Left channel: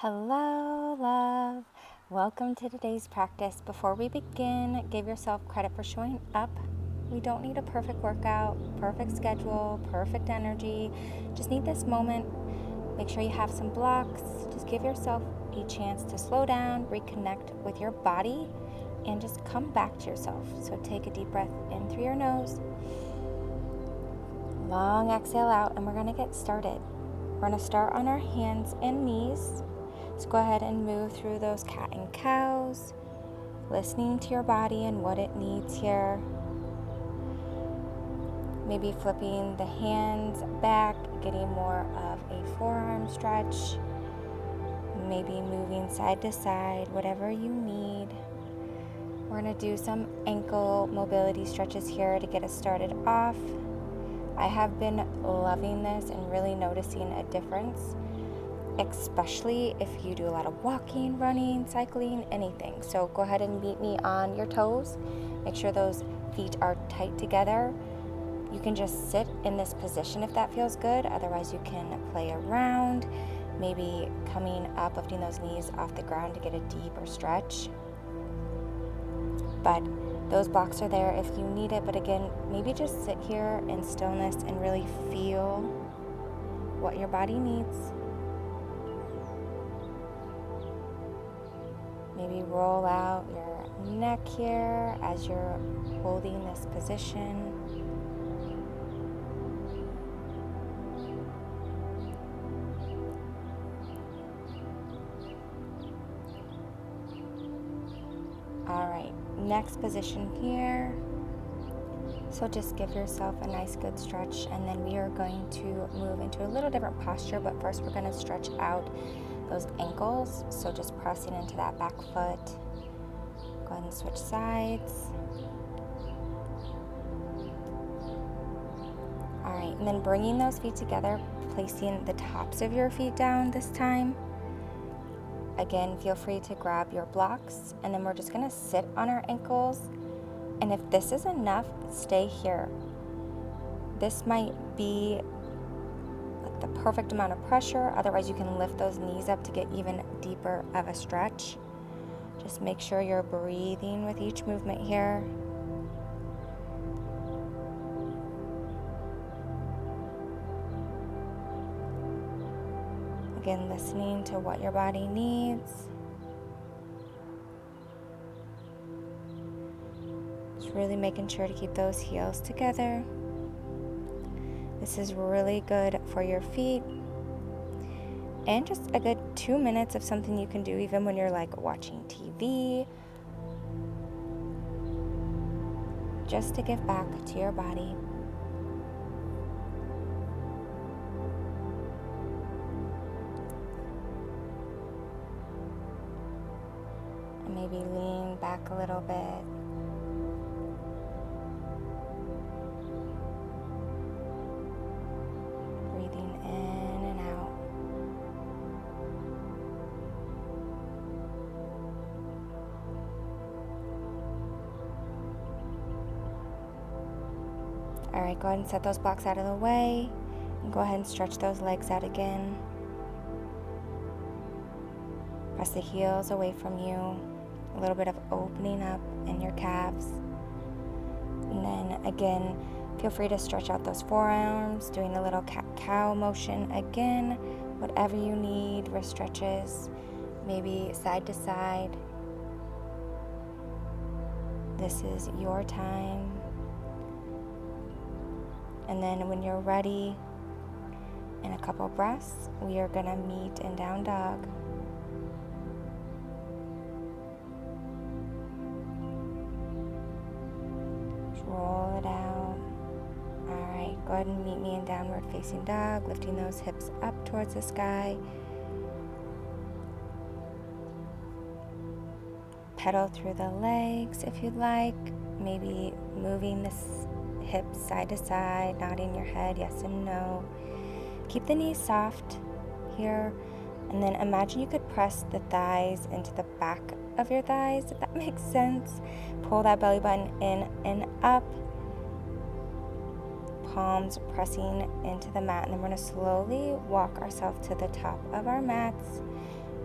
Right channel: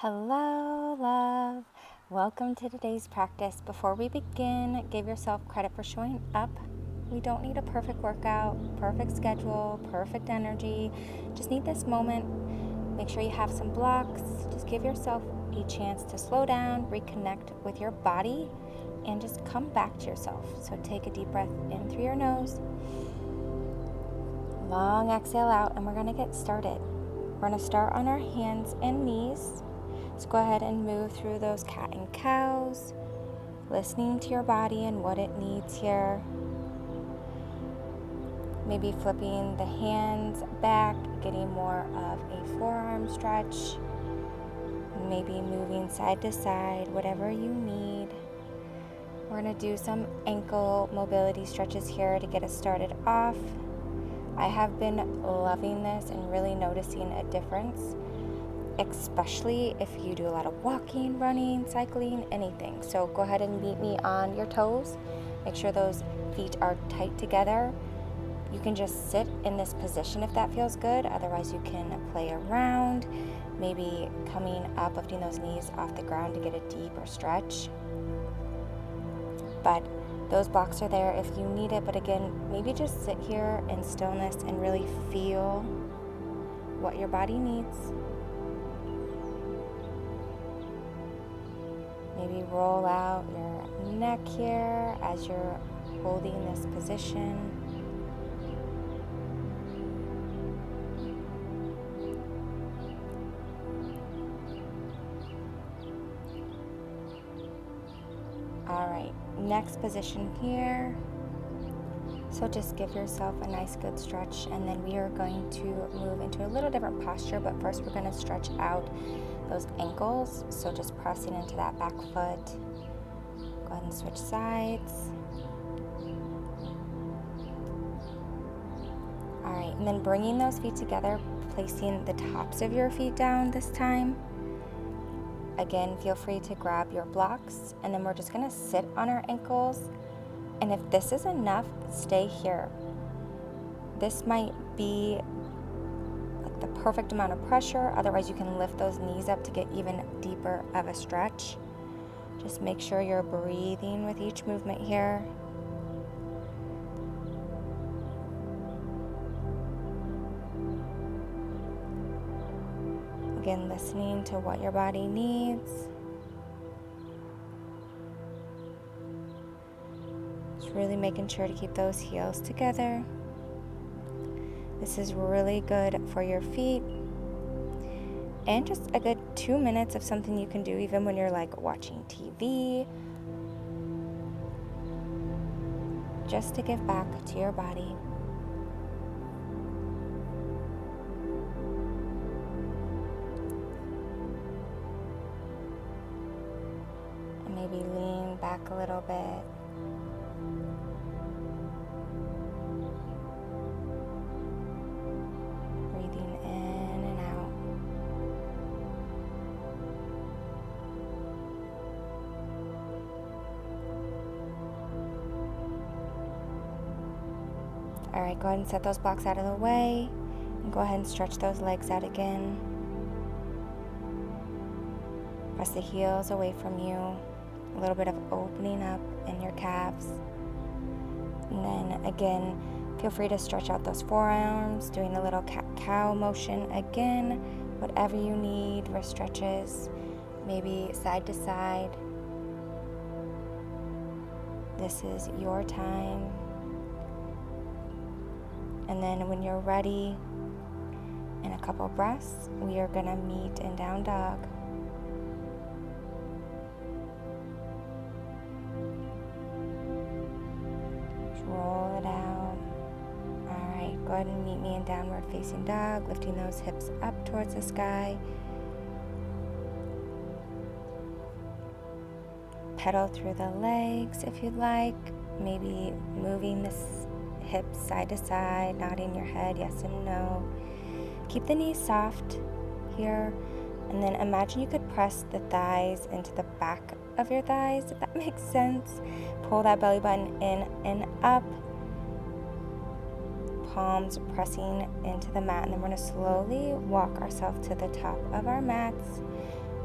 Hello, love. Welcome to today's practice. Before we begin, give yourself credit for showing up. We don't need a perfect workout, perfect schedule, perfect energy. Just need this moment. Make sure you have some blocks. Just give yourself a chance to slow down, reconnect with your body, and just come back to yourself. So take a deep breath in through your nose. Long exhale out, and we're going to get started. We're going to start on our hands and knees. So go ahead and move through those cat and cows, listening to your body and what it needs here. Maybe flipping the hands back, getting more of a forearm stretch. Maybe moving side to side, whatever you need. We're going to do some ankle mobility stretches here to get us started off. I have been loving this and really noticing a difference, especially if you do a lot of walking, running, cycling, anything. So go ahead and meet me on your toes. Make sure those feet are tight together. You can just sit in this position if that feels good. Otherwise, you can play around, maybe coming up, lifting those knees off the ground to get a deeper stretch. But those blocks are there if you need it. But again, maybe just sit here in stillness and really feel what your body needs. Maybe roll out your neck here as you're holding this position. All right, next position here. So just give yourself a nice good stretch, and then we are going to move into a little different posture, but first we're going to stretch out those ankles. So just pressing into that back foot. Go ahead and switch sides. All right, and then bringing those feet together, placing the tops of your feet down this time. Again, feel free to grab your blocks, and then we're just going to sit on our ankles. And if this is enough, stay here. This might be like the perfect amount of pressure. Otherwise, you can lift those knees up to get even deeper of a stretch. Just make sure you're breathing with each movement here. Again, listening to what your body needs. Just really making sure to keep those heels together. This is really good for your feet. And just a good 2 minutes of something you can do even when you're like watching TV. Just to give back to your body. And maybe lean back a little bit. Breathing in and out. All right, go ahead and set those blocks out of the way. And go ahead and stretch those legs out again. Press the heels away from you. A little bit of opening up in your calves. And then again, feel free to stretch out those forearms, doing a little cat-cow motion again. Whatever you need, wrist stretches, maybe side to side. This is your time. And then when you're ready, in a couple breaths, we are gonna meet in down dog. Roll it out. All right, go ahead and meet me in downward facing dog, lifting those hips up towards the sky. Pedal through the legs if you'd like. Maybe moving the hips side to side, nodding your head yes and no. Keep the knees soft here, and then imagine you could press the thighs into the back of your thighs, if that makes sense. Pull that belly button in and up. Palms pressing into the mat, and then we're going to slowly walk ourselves to the top of our mats.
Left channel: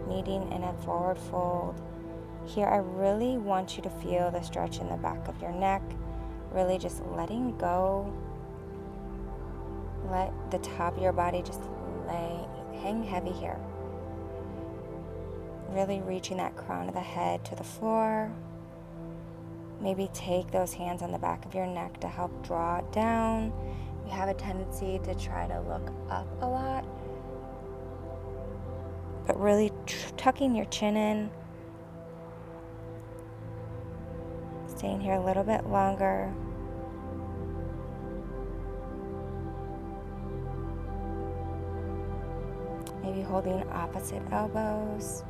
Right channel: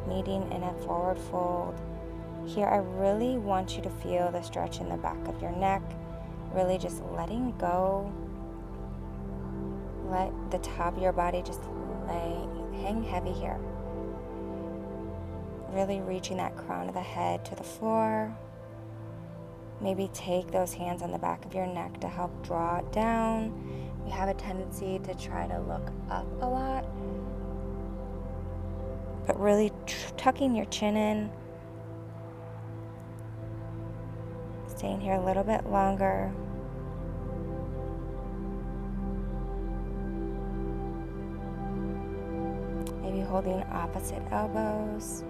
meeting in a forward fold. Here, I really want you to feel the stretch in the back of your neck, really just letting go. Let the top of your body just hang heavy here. Really reaching that crown of the head to the floor. Maybe take those hands on the back of your neck to help draw it down. You have a tendency to try to look up a lot, but really tucking your chin in. Staying here a little bit longer. Maybe holding opposite elbows.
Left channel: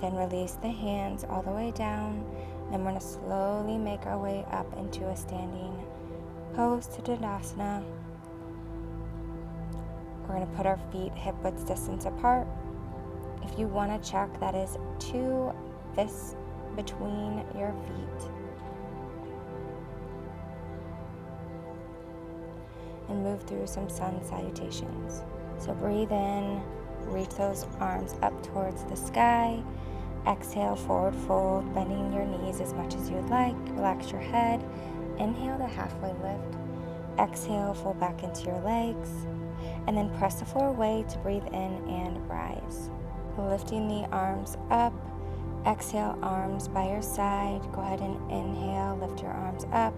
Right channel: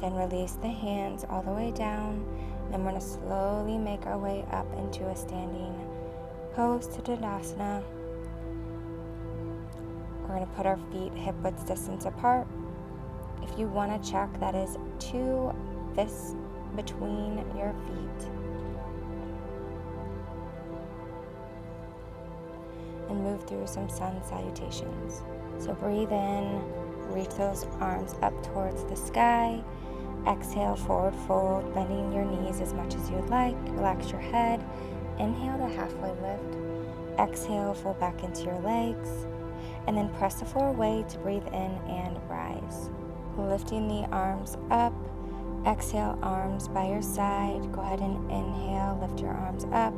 Then release the hands all the way down. Then we're going to slowly make our way up into a standing pose to Tadasana. We're going to put our feet hip-width distance apart. If you want to check, that is 2 fists between your feet. And move through some sun salutations. So breathe in, reach those arms up towards the sky. Exhale, forward fold, bending your knees as much as you'd like. Relax your head. Inhale to halfway lift. Exhale, fold back into your legs. And then press the floor away to breathe in and rise. Lifting the arms up. Exhale, arms by your side. Go ahead and inhale, lift your arms up.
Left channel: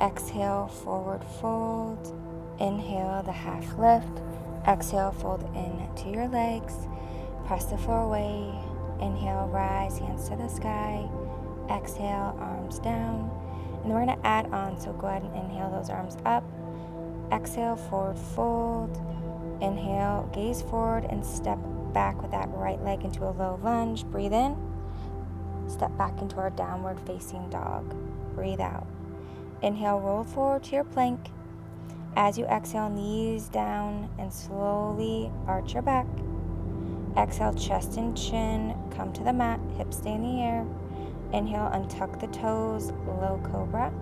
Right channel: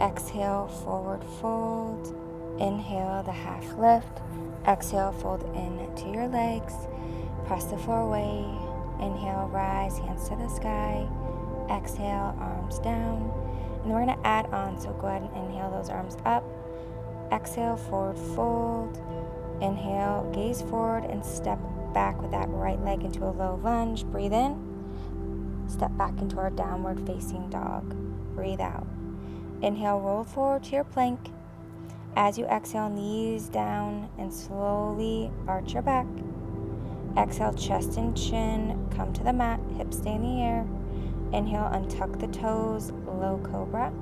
Exhale, forward fold. Inhale, the half lift. Exhale, fold into your legs. Press the floor away. Inhale, rise, hands to the sky. Exhale, arms down. And we're going to add on, so go ahead and inhale those arms up. Exhale, forward fold. Inhale, gaze forward and step back with that right leg into a low lunge. Breathe in. Step back into our downward facing dog. Breathe out. Inhale, roll forward to your plank. As you exhale, knees down and slowly arch your back. Exhale, chest and chin, come to the mat, hips stay in the air. Inhale, untuck the toes, low cobra.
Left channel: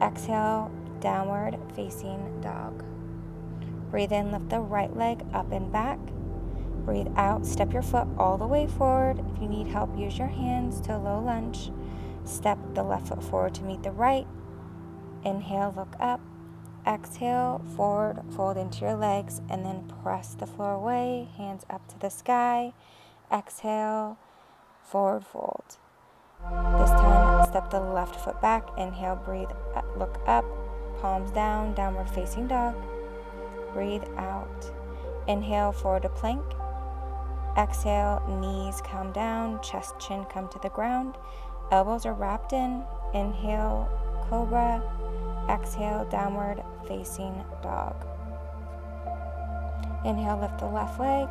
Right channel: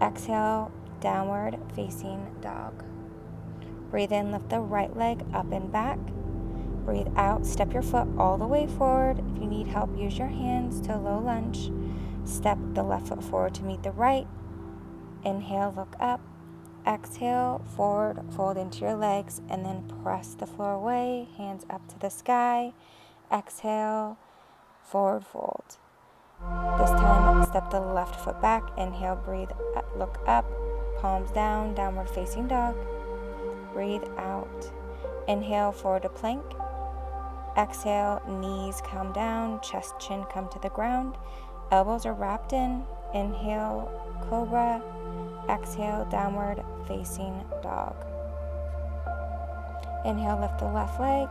Exhale, downward facing dog. Breathe in, lift the right leg up and back. Breathe out, step your foot all the way forward. If you need help, use your hands to low lunge. Step the left foot forward to meet the right. Inhale, look up. Exhale, forward, fold into your legs, and then press the floor away, hands up to the sky. Exhale, forward fold. This time, step the left foot back. Inhale, breathe, look up, palms down, downward facing dog. Breathe out. Inhale, forward to plank. Exhale, knees come down, chest, chin come to the ground. Elbows are wrapped in. Inhale, cobra. Exhale, downward facing dog. Inhale, lift the left leg.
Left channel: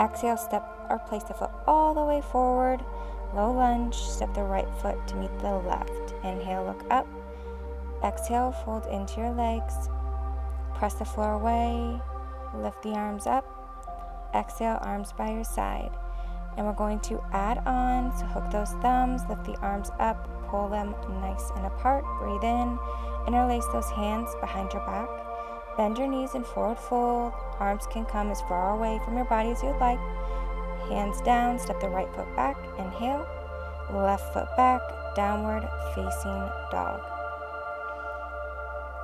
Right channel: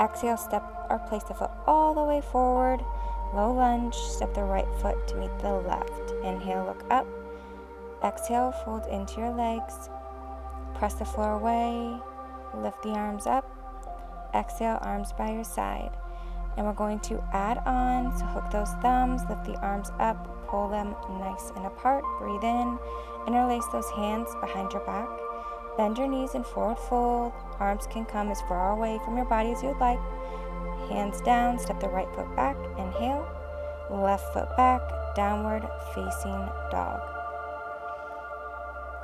Exhale, step or place the foot all the way forward. Low lunge, step the right foot to meet the left. Inhale, look up. Exhale, fold into your legs. Press the floor away. Lift the arms up. Exhale, arms by your side. And we're going to add on, so hook those thumbs, lift the arms up, pull them nice and apart. Breathe in. Interlace those hands behind your back. Bend your knees and forward fold. Arms can come as far away from your body as you'd like. Hands down, step the right foot back. Inhale. Left foot back, downward facing dog.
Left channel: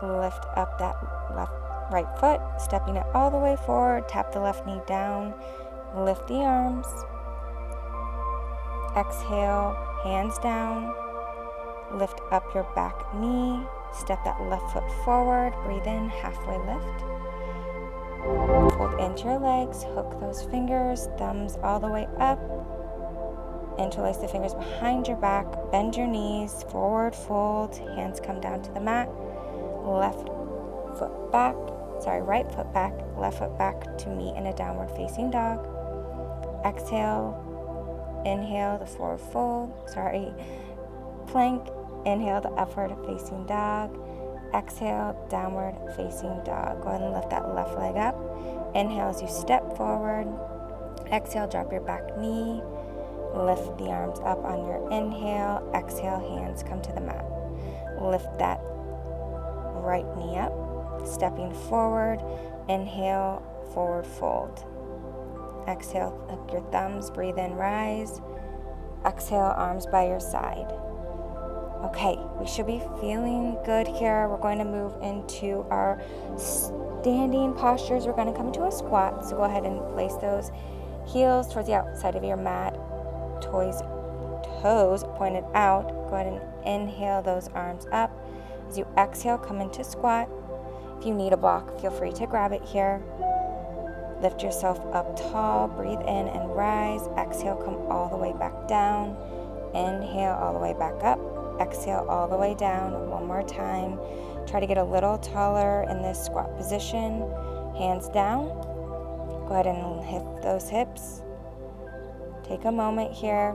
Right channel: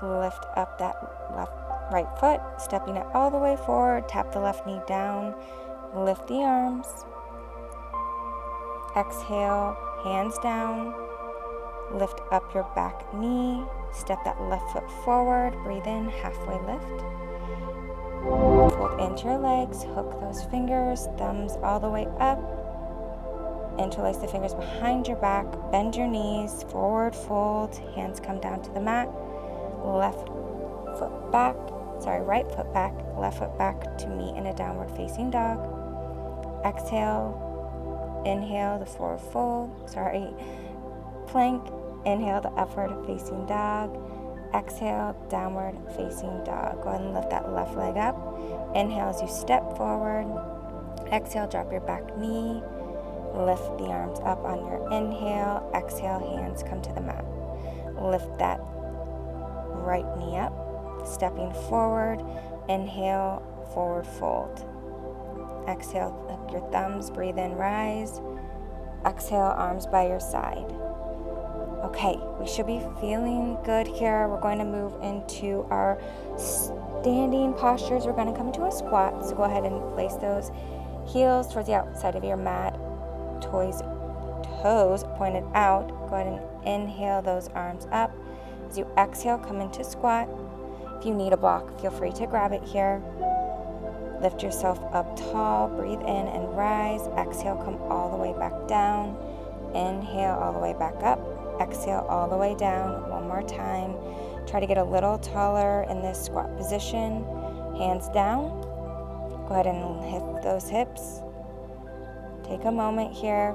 Lift up that right foot, stepping it all the way forward. Tap the left knee down. Lift the arms. Exhale, hands down. Lift up your back knee. Step that left foot forward. Breathe in, halfway lift. Fold into your legs. Hook those fingers, thumbs all the way up. Interlace the fingers behind your back. Bend your knees. Forward fold. Hands come down to the mat. Right foot back, left foot back to meet in a downward facing dog. Exhale. Inhale the forward fold. Plank. Inhale the upward facing dog. Exhale, downward facing dog. Go ahead and lift that left leg up. Inhale as you step forward. Exhale, drop your back knee. Lift the arms up on your inhale. Exhale, hands come to the mat. Lift that right knee up, stepping forward. Inhale, forward fold. Exhale, hook your thumbs, breathe in, rise. Exhale, arms by your side. Okay, we should be feeling good here. We're going to move into our standing postures. We're going to come into a squat, so go ahead and place those heels towards the outside of your mat, toes pointed out. Go ahead and inhale those arms up. As you exhale, come into squat. If you need a block, feel free to grab it here. Lift yourself up tall, breathe in and rise. Exhale, come all the way back down. Inhale, all the way back up. Exhale, all the way down. One more time. Try to get a little taller in this squat position. Hands down. Go ahead and lift those hips. Take a moment here.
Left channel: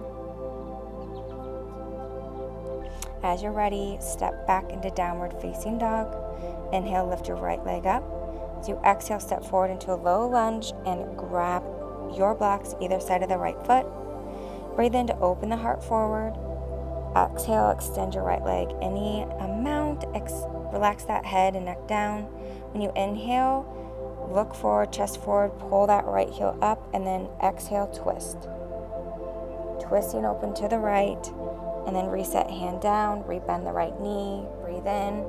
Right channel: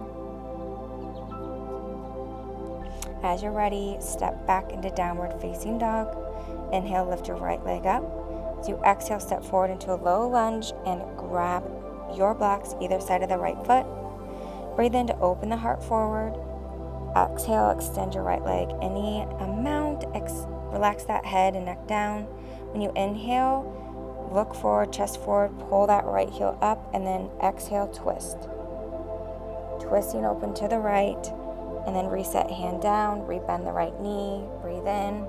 As you're ready, step back into downward facing dog. Inhale, lift your right leg up. As you exhale, step forward into a low lunge and grab your blocks either side of the right foot. Breathe in to open the heart forward. Exhale, extend your right leg any amount. Relax that head and neck down. When you inhale, look forward, chest forward, pull that right heel up, and then exhale, twist. Twisting open to the right, and then reset hand down, rebend the right knee, breathe in.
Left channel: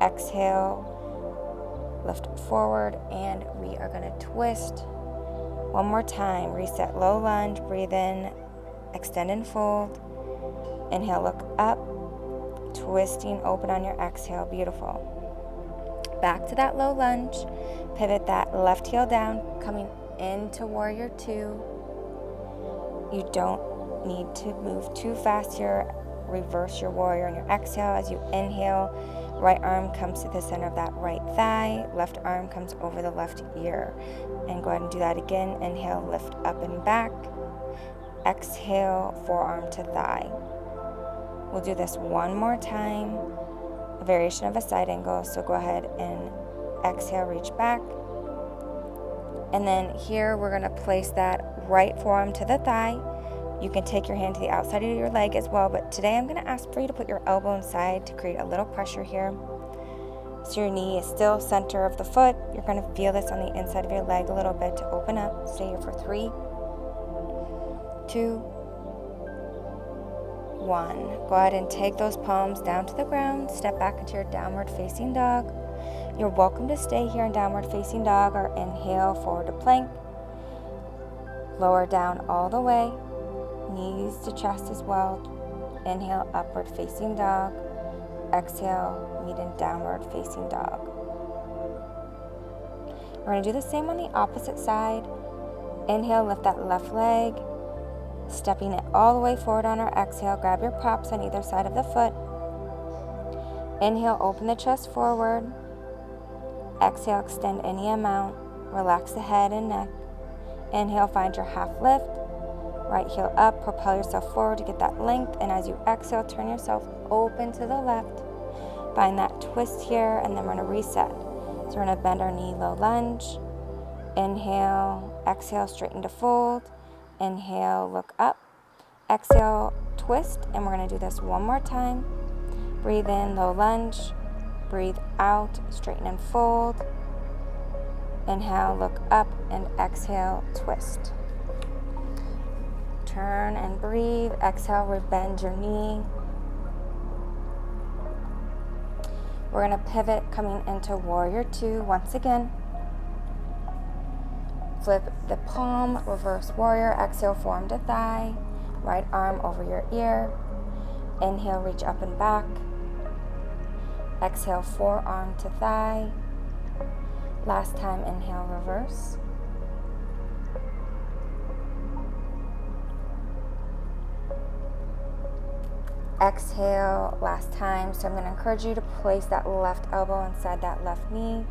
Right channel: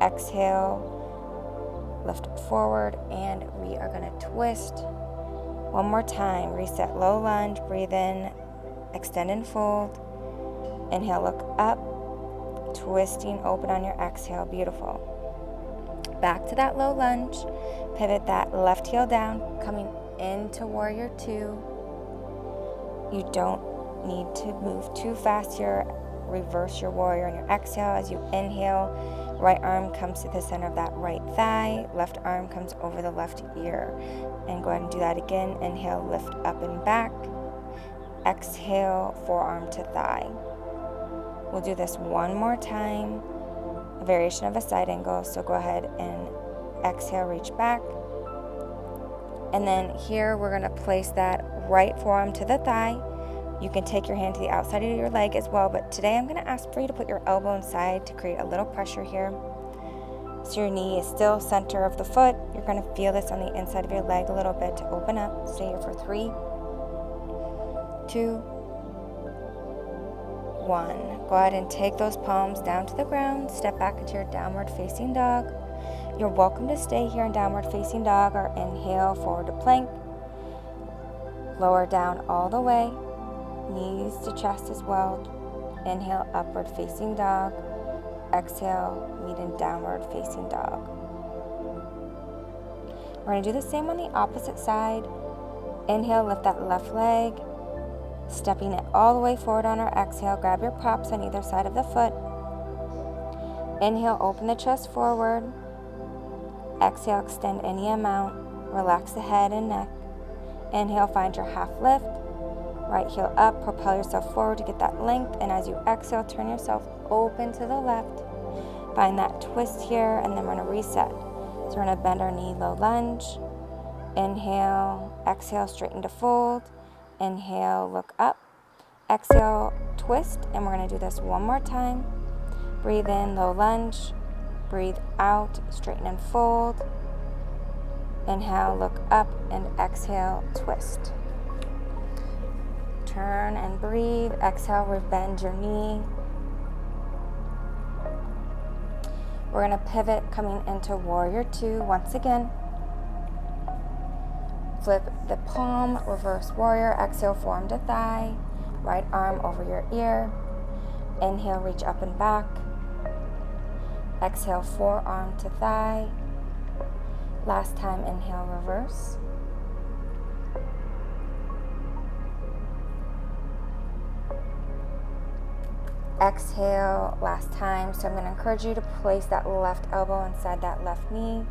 Exhale, lift forward, and we are going to twist. One more time, reset low lunge, breathe in, extend and fold. Inhale, look up, twisting open on your exhale, beautiful. Back to that low lunge, pivot that left heel down, coming into warrior two. You don't need to move too fast here. Reverse your warrior on your exhale. As you inhale, right arm comes to the center of that right thigh, left arm comes over the left ear. And go ahead and do that again. Inhale, lift up and back. Exhale, forearm to thigh. We'll do this one more time, a variation of a side angle. So go ahead and exhale, reach back. And then here we're going to place that right forearm to the thigh. You can take your hand to the outside of your leg as well, but today I'm going to ask for you to put your elbow inside to create a little pressure here. So your knee is still center of the foot. You're going to feel this on the inside of your leg a little bit to open up. Stay here for 3, 2, 1. Go ahead and take those palms down to the ground. Step back into your downward facing dog. You're welcome to stay here in downward facing dog or inhale forward to plank. Lower down all the way. Knees to chest as well. Inhale, upward facing dog. Exhale, meet in downward facing dog. We're going to do the same on the opposite side. Inhale, lift that left leg. Stepping it all the way forward on our exhale. Grab your props on either side of the foot. Inhale, open the chest forward. Exhale, extend any amount. Relax the head and neck. Inhale, find your half lift. Right heel up, propel yourself forward to get that length. And as you exhale, turn yourself open to the left. Find that twist here, and then we're going to reset. So we're going to bend our knee, low lunge. Inhale, exhale, straighten to fold. Inhale, look up. Exhale, twist. And we're going to do this one more time. Breathe in, low lunge. Breathe out, straighten and fold. Inhale, look up, and exhale, twist. Turn and breathe. Exhale, rebend your knee. We're going to pivot coming into warrior two once again. Flip the palm, reverse warrior. Exhale, forearm to thigh. Right arm over your ear. Inhale, reach up and back. Exhale, forearm to thigh. Last time, inhale, reverse. Exhale, last time. So I'm going to encourage you to place that left elbow inside that left knee.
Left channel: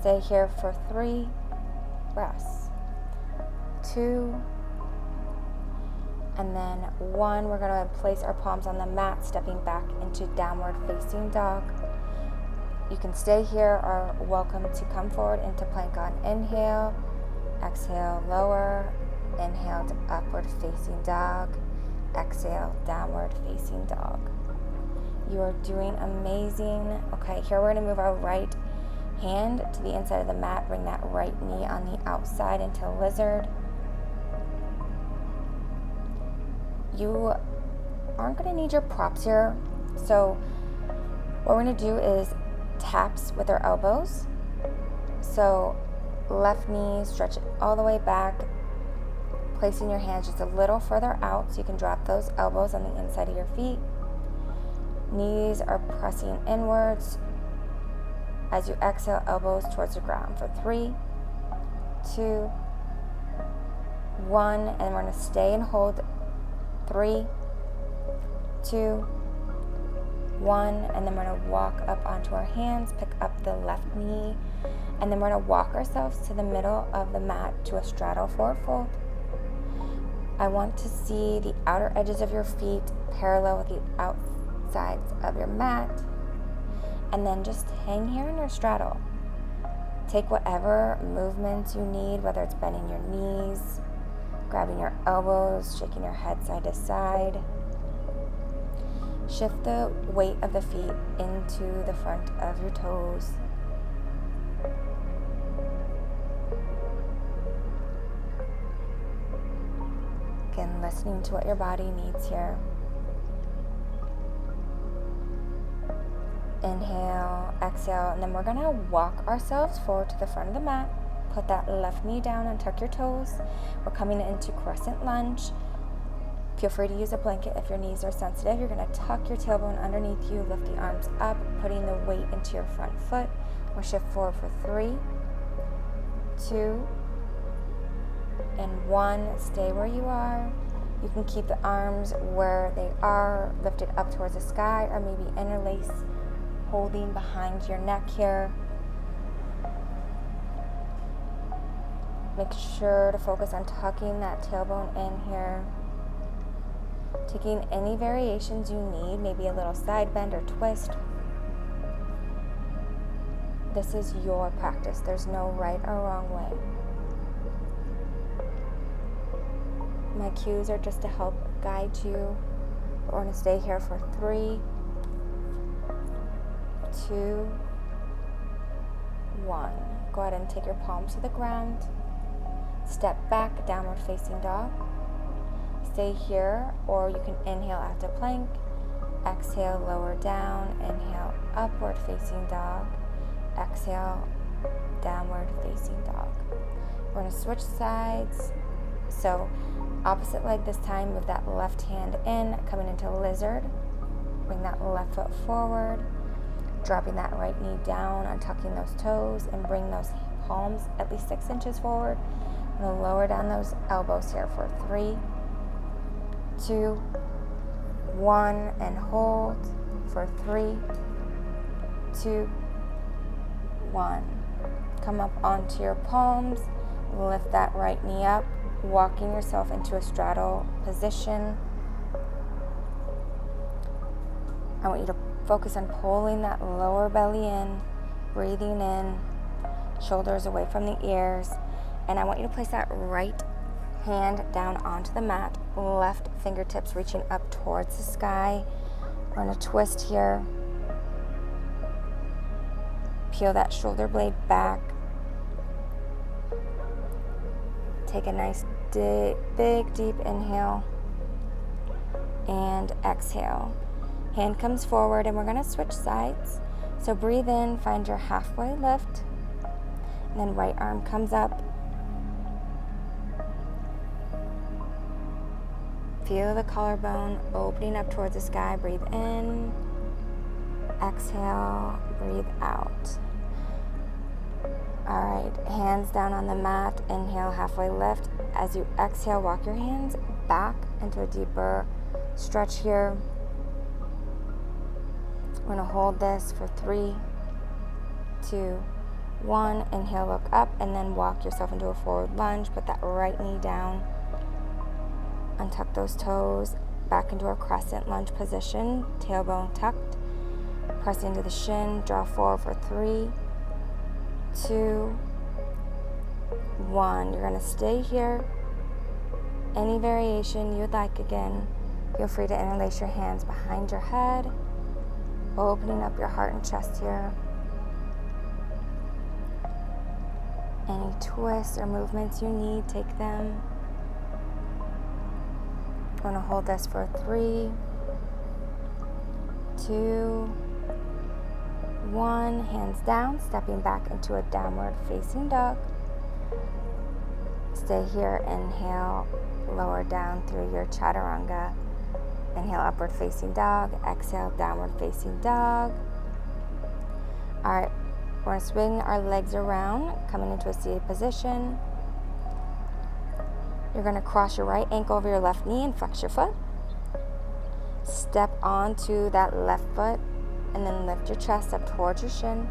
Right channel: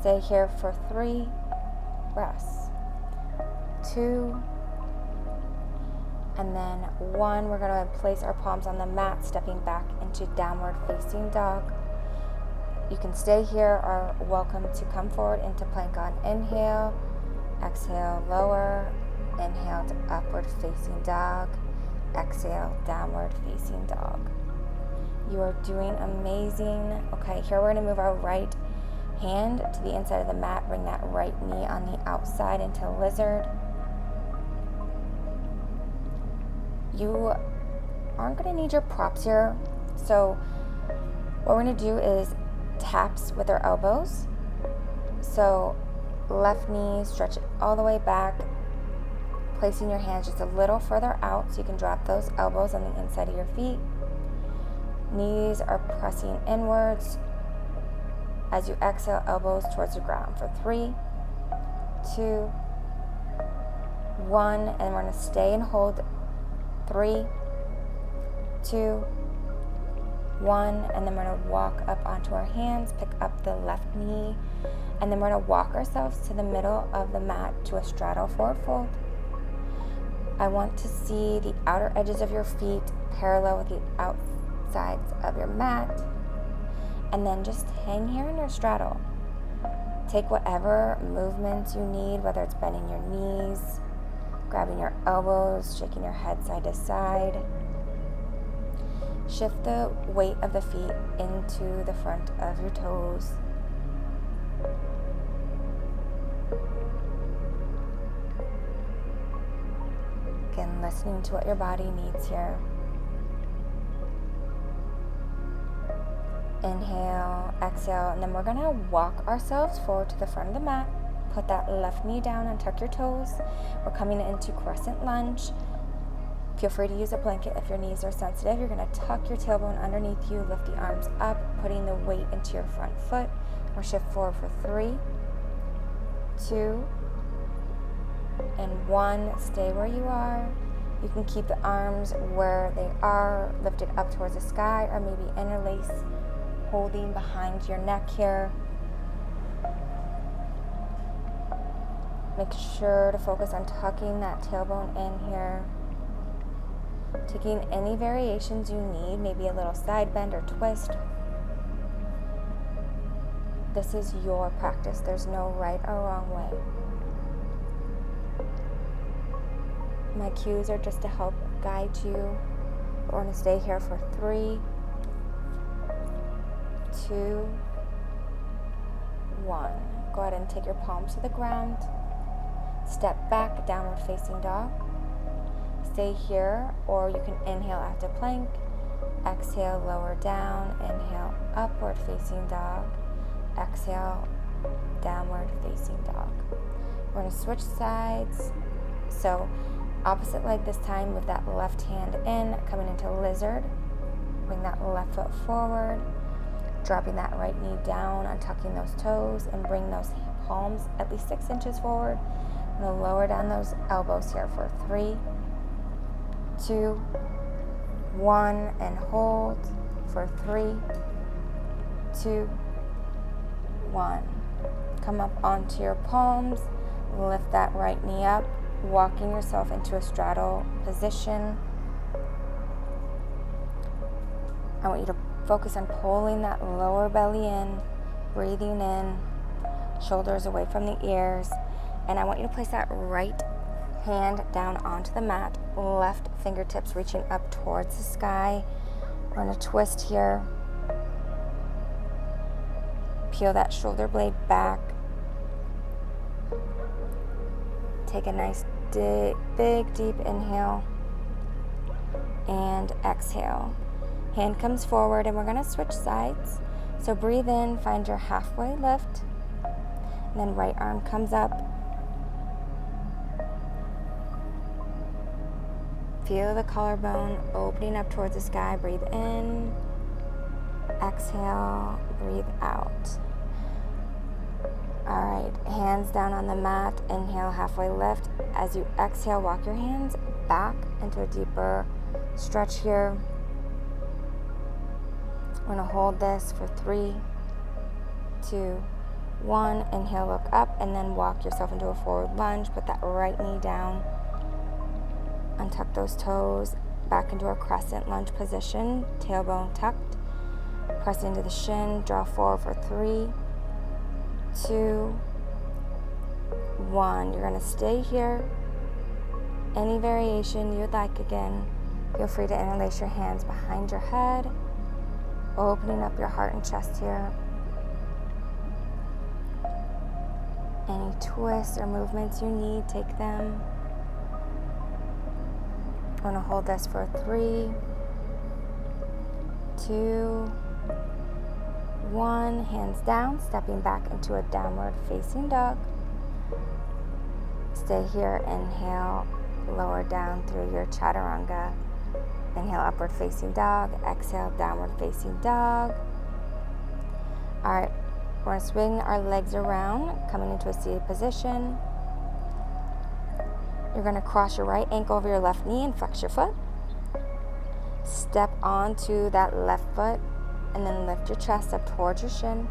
Stay here for 3 breaths. 2, and then 1. We're going to place our palms on the mat, stepping back into downward facing dog. You can stay here or welcome to come forward into plank on inhale. Exhale, lower. Inhale to upward facing dog. Exhale, downward facing dog. You are doing amazing. Okay, here we're going to move our right hand to the inside of the mat. Bring that right knee on the outside into lizard. You aren't going to need your props here. So what we're going to do is taps with our elbows. So left knee, stretch it all the way back, placing your hands just a little further out so you can drop those elbows on the inside of your feet. Knees are pressing inwards. As you exhale, elbows towards the ground for 3, 2, 1, and we're going to stay and hold 3, 2, 1, and then we're going to walk up onto our hands, pick up the left knee, and then we're going to walk ourselves to the middle of the mat to a straddle forward fold. I want to see the outer edges of your feet parallel with the outsides of your mat, and then just hang here in your straddle. Take whatever movements you need, whether it's bending your knees, grabbing your elbows, shaking your head side to side. Shift the weight of the feet into the front of your toes. Again, listening to what your body needs here. Inhale, exhale, and then we're going to walk ourselves forward to the front of the mat. Put that left knee down and tuck your toes. We're coming into crescent lunge. Feel free to use a blanket if your knees are sensitive. You're going to tuck your tailbone underneath you, lift the arms up, putting the weight into your front foot. We'll shift forward for 3, 2, and 1. Stay where you are. You can keep the arms where they are, lifted up towards the sky, or maybe interlace, holding behind your neck here. Make sure to focus on tucking that tailbone in here. Taking any variations you need, maybe a little side bend or twist. This is your practice. There's no right or wrong way. My cues are just to help guide you. We're going to stay here for 3, 2, 1. Go ahead and take your palms to the ground. Step back, downward facing dog. Stay here, or you can inhale after plank. Exhale, lower down. Inhale, upward facing dog. Exhale, downward facing dog. We're going to switch sides. So opposite leg this time, move that left hand in, coming into lizard. Bring that left foot forward, dropping that right knee down, untucking those toes, and bring those palms at least 6 inches forward. I'm going to lower down those elbows here for 3, 2, 1, and hold for 3, 2, 1. Come up onto your palms, lift that right knee up, walking yourself into a straddle position. I want you to focus on pulling that lower belly in, breathing in, shoulders away from the ears, and I want you to place that right hand down onto the mat, left fingertips reaching up towards the sky. We're going to twist here. Peel that shoulder blade back. Take a nice big deep inhale and exhale. Hand comes forward, and we're going to switch sides. So breathe in, find your halfway lift, and then right arm comes up. Feel the collarbone opening up towards the sky. Breathe in, exhale, breathe out. All right, hands down on the mat. Inhale, halfway lift. As you exhale, walk your hands back into a deeper stretch here. We're going to hold this for 3, 2, 1. Inhale, look up, and then walk yourself into a forward lunge. Put that right knee down. Untuck those toes, back into a crescent lunge position. Tailbone tucked. Press into the shin. Draw forward for 3, 2, 1. You're going to stay here. Any variation you would like, again, feel free to interlace your hands behind your head. Opening up your heart and chest here. Any twists or movements you need, take them. We're going to hold this for 3, 2, 1. Hands down, stepping back into a downward facing dog. Stay here. Inhale, lower down through your chaturanga. Inhale, upward facing dog. Exhale, downward facing dog. All right, we're going to swing our legs around, coming into a seated position. You're going to cross your right ankle over your left knee and flex your foot. Step onto that left foot and then lift your chest up towards your shin.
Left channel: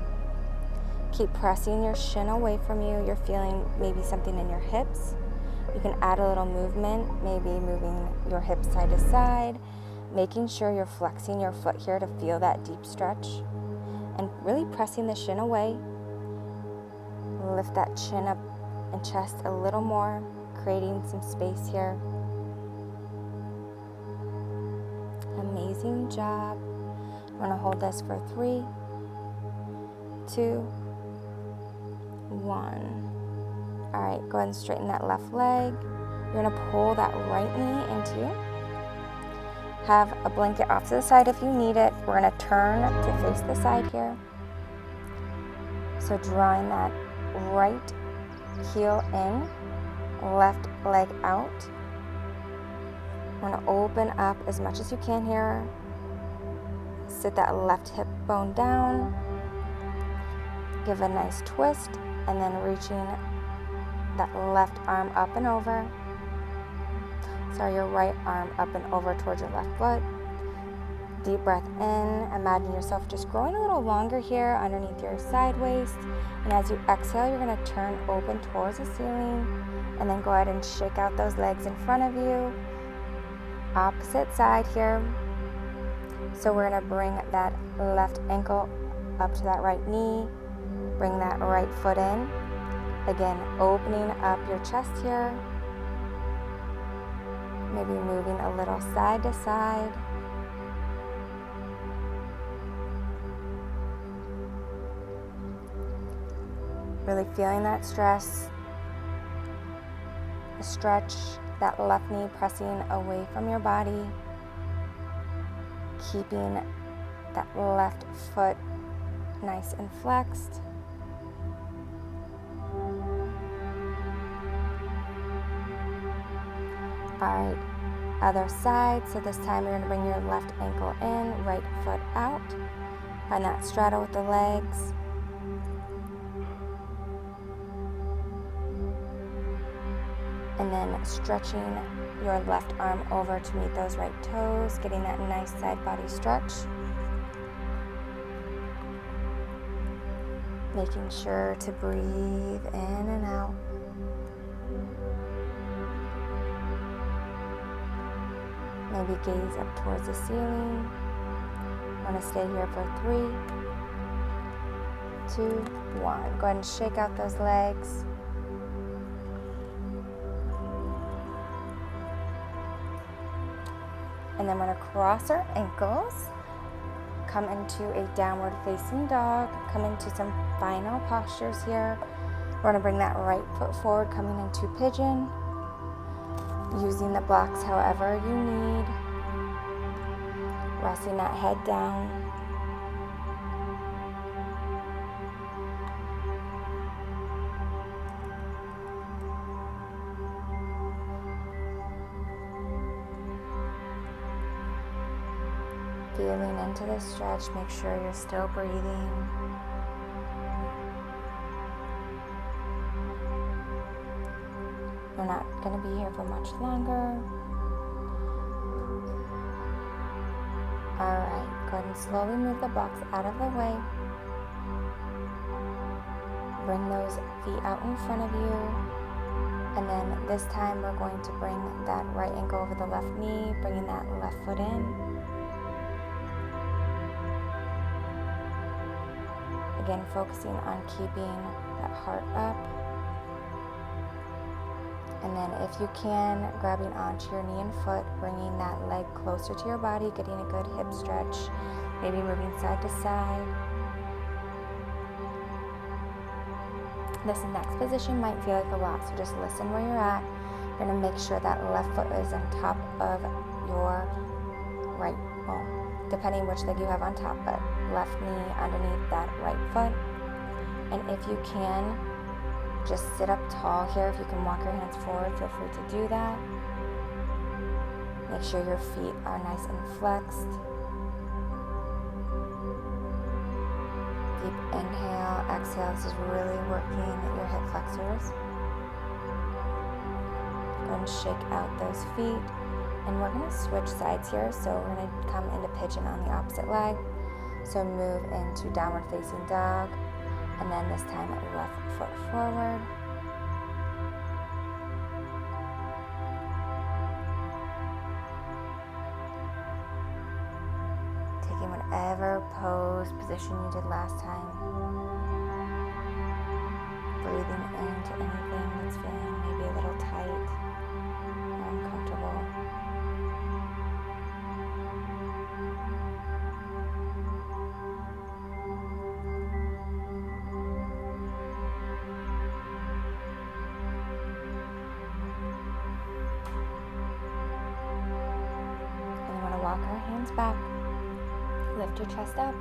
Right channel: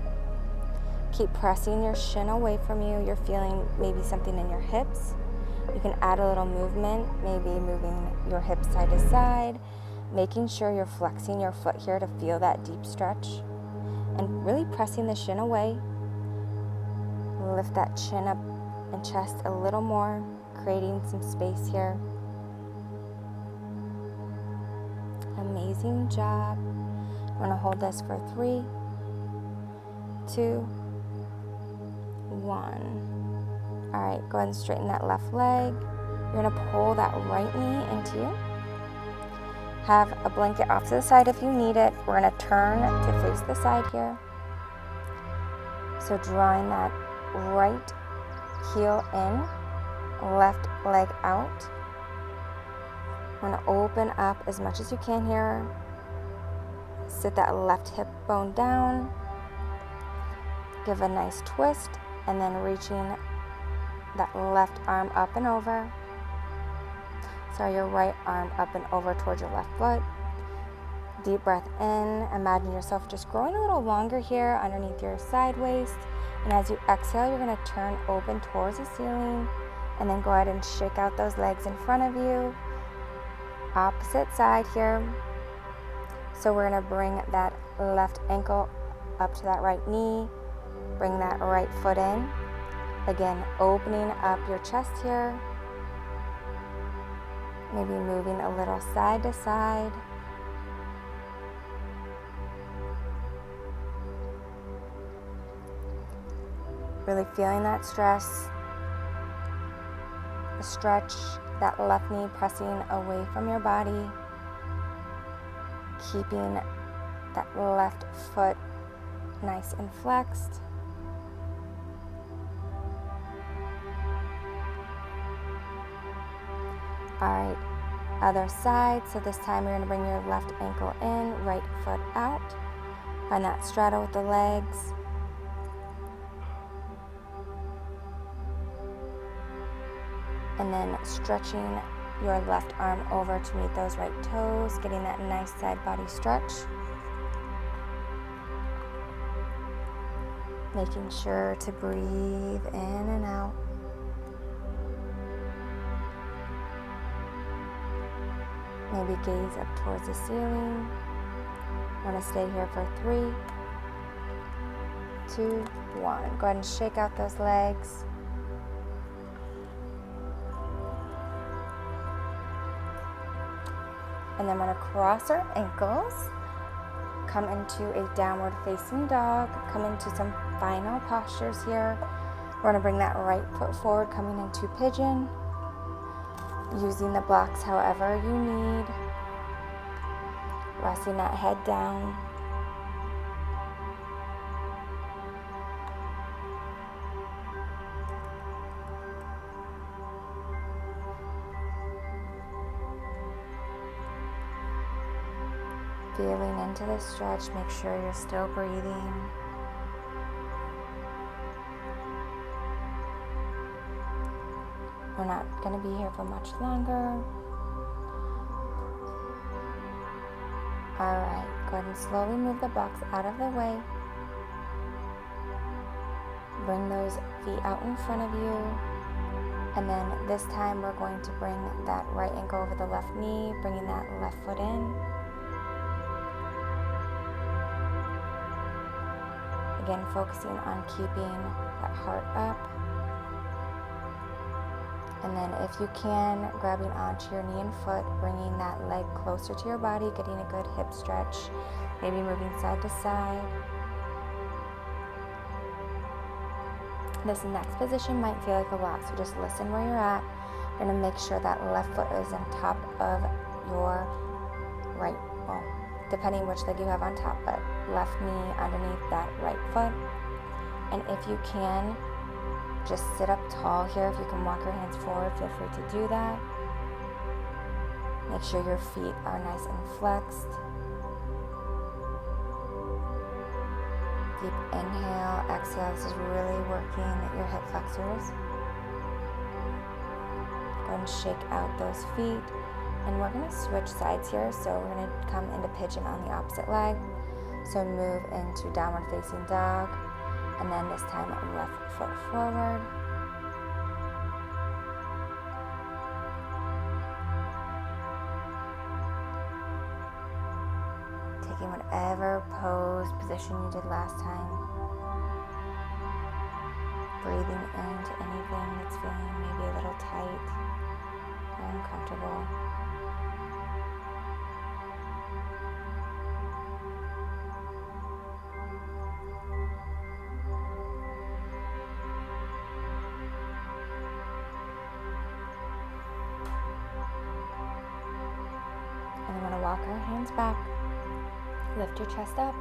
Keep pressing your shin away from you. You're feeling maybe something in your hips. You can add a little movement, maybe moving your hips side to side, making sure you're flexing your foot here to feel that deep stretch, and really pressing the shin away. Lift that chin up and chest a little more, creating some space here. Amazing job. We're going to hold this for 3, 2, 1. All right, go ahead and straighten that left leg. You're going to pull that right knee into you. Have a blanket off to the side if you need it. We're going to turn to face the side here. So drawing that right heel in, left leg out. We're going to open up as much as you can here. Sit that left hip bone down. Give a nice twist, and then reaching that left arm up and over. Sorry, your right arm up and over towards your left foot. Deep breath in. Imagine yourself just growing a little longer here underneath your side waist. And as you exhale, you're going to turn open towards the ceiling. And then go ahead and shake out those legs in front of you. Opposite side here. So we're going to bring that left ankle up to that right knee. Bring that right foot in. Again, opening up your chest here. Maybe moving a little side to side. Really feeling that stress. The stretch, that left knee pressing away from your body. Keeping that left foot nice and flexed. All right, other side. So this time you're going to bring your left ankle in, right foot out. Find that straddle with the legs. And then stretching your left arm over to meet those right toes, getting that nice side body stretch. Making sure to breathe in and out. Maybe gaze up towards the ceiling. I'm going to stay here for 3, 2, 1. Go ahead and shake out those legs. And then we're going to cross our ankles, come into a downward facing dog, come into some final postures here. We're going to bring that right foot forward, coming into pigeon, using the blocks however you need, resting that head down. Feeling into the stretch, make sure you're still breathing. We're not going to be here for much longer. All right, go ahead and slowly move the blocks out of the way. Bring those feet out in front of you. And then this time we're going to bring that right ankle over the left knee, bringing that left foot in. Again, focusing on keeping that heart up. And then if you can, grabbing onto your knee and foot, bringing that leg closer to your body, getting a good hip stretch. maybe moving side to side. This next position might feel like a lot, so just listen where you're at. You're gonna make sure that left foot is on top of your right, well, depending which leg you have on top, but left knee underneath that right foot. And if you can, just sit up tall here. If you can walk your hands forward, feel free to do that. Make sure your feet are nice and flexed. Deep inhale, exhale. This is really working your hip flexors. Go and shake out those feet. And we're going to switch sides here. So we're going to come into pigeon on the opposite leg. So move into downward facing dog. And then this time left foot forward. Taking whatever pose, position you did last time. Breathing into anything that's feeling maybe a little tight or uncomfortable. And then we're going to walk our hands back. Lift your chest up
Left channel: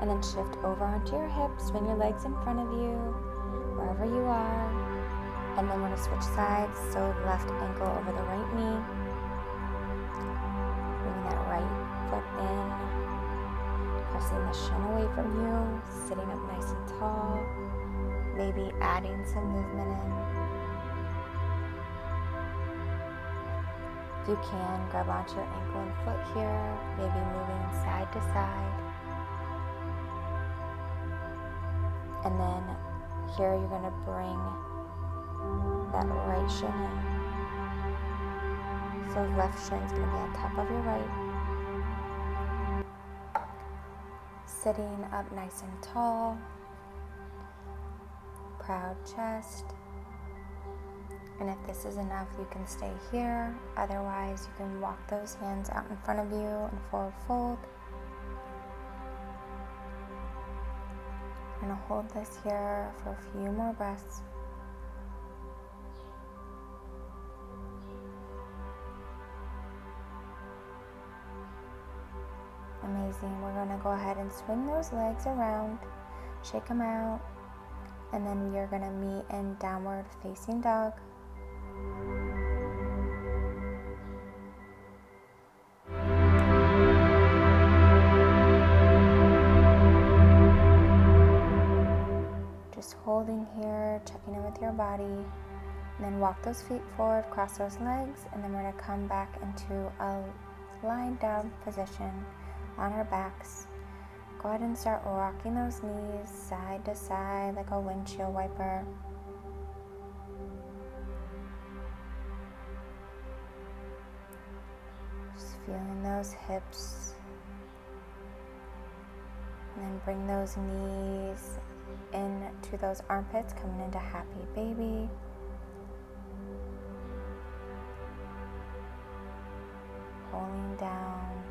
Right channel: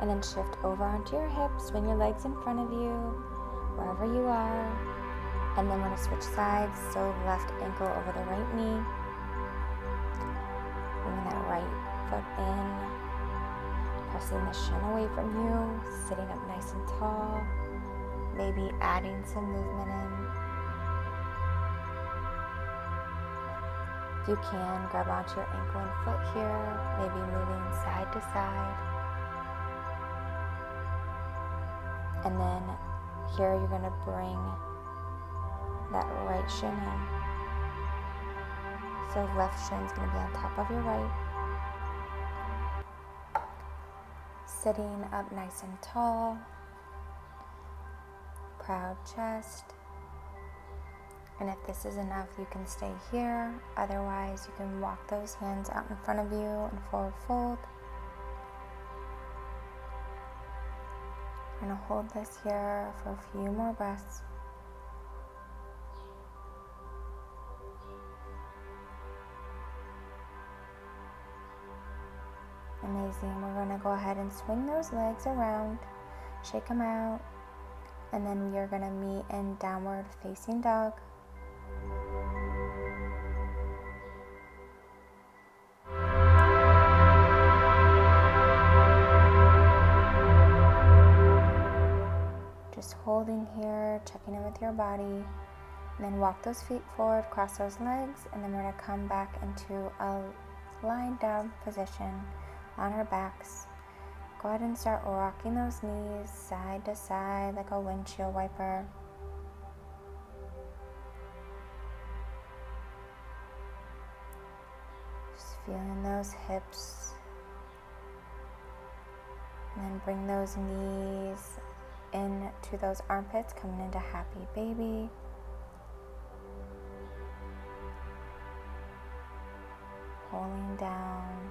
and then shift over onto your hips. Swing your legs in front of you, wherever you are. And then we're going to switch sides. So left ankle over the right knee. Bringing that right foot in. Pressing the shin away from you. Sitting up nice and tall. Maybe adding some movement in. If you can, grab onto your ankle and foot here, maybe moving side to side. And then here you're going to bring that right shin in. So left shin is going to be on top of your right. Sitting up nice and tall. Proud chest. And if this is enough, you can stay here. Otherwise, you can walk those hands out in front of you and forward fold. We're going to hold this here for a few more breaths. Amazing. We're going to go ahead and swing those legs around, shake them out, and then we are going to meet in downward facing dog. Just holding here, checking in with your body, and then walk those feet forward, cross those legs, and then we're going to come back into a lying down position on our backs. Go ahead and start rocking those knees side to side like a windshield wiper. Just feeling those hips. And then bring those knees into those armpits, coming into happy baby. Pulling down.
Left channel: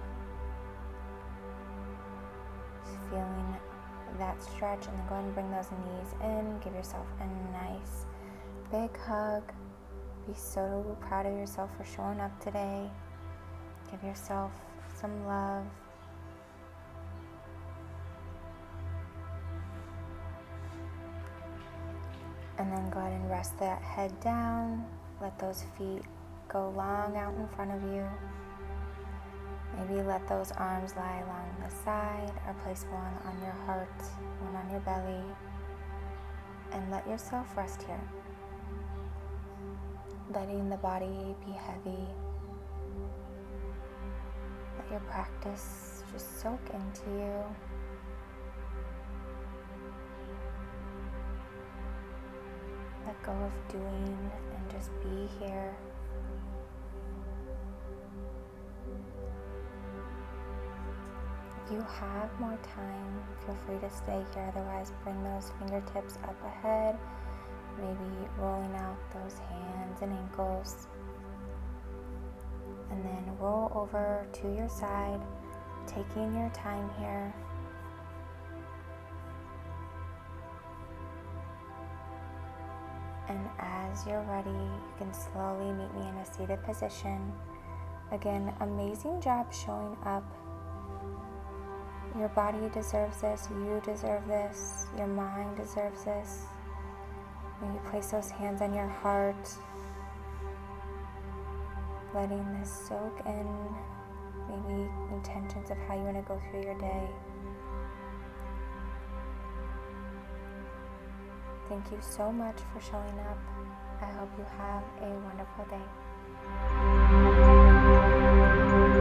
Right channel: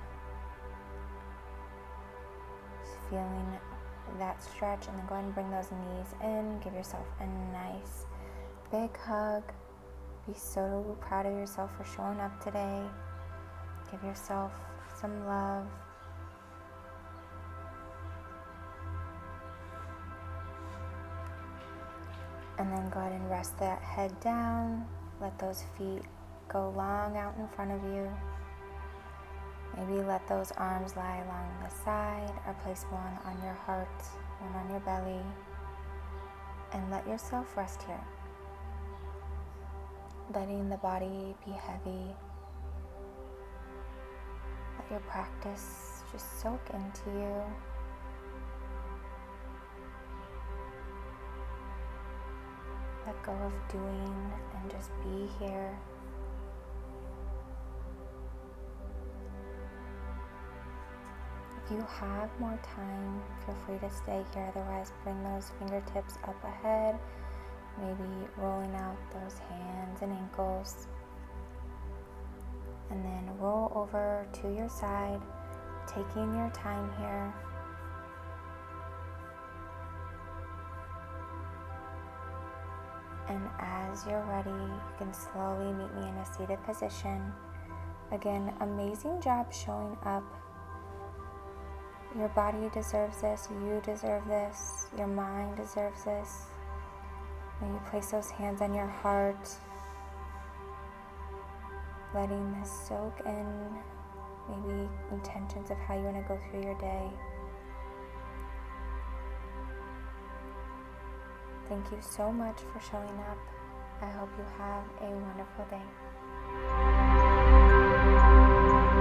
Just feeling that stretch, and then go ahead and bring those knees in. Give yourself a nice big hug. Be so proud of yourself for showing up today. Give yourself some love. And then go ahead and rest that head down. Let those feet go long out in front of you. Maybe let those arms lie along the side, or place one on your heart, one on your belly. And let yourself rest here. Letting the body be heavy. Let your practice just soak into you. Let go of doing and just be here. If you have more time, feel free to stay here. Otherwise, bring those fingertips up ahead, maybe rolling out those hands and ankles. And then roll over to your side, taking your time here. And as you're ready, you can slowly meet me in a seated position. Again, amazing job showing up. Your body deserves this, you deserve this, your mind deserves this. Maybe place those hands on your heart, letting this soak in, maybe intentions of how you want to go through your day. Thank you so much for showing up. I hope you have a wonderful day.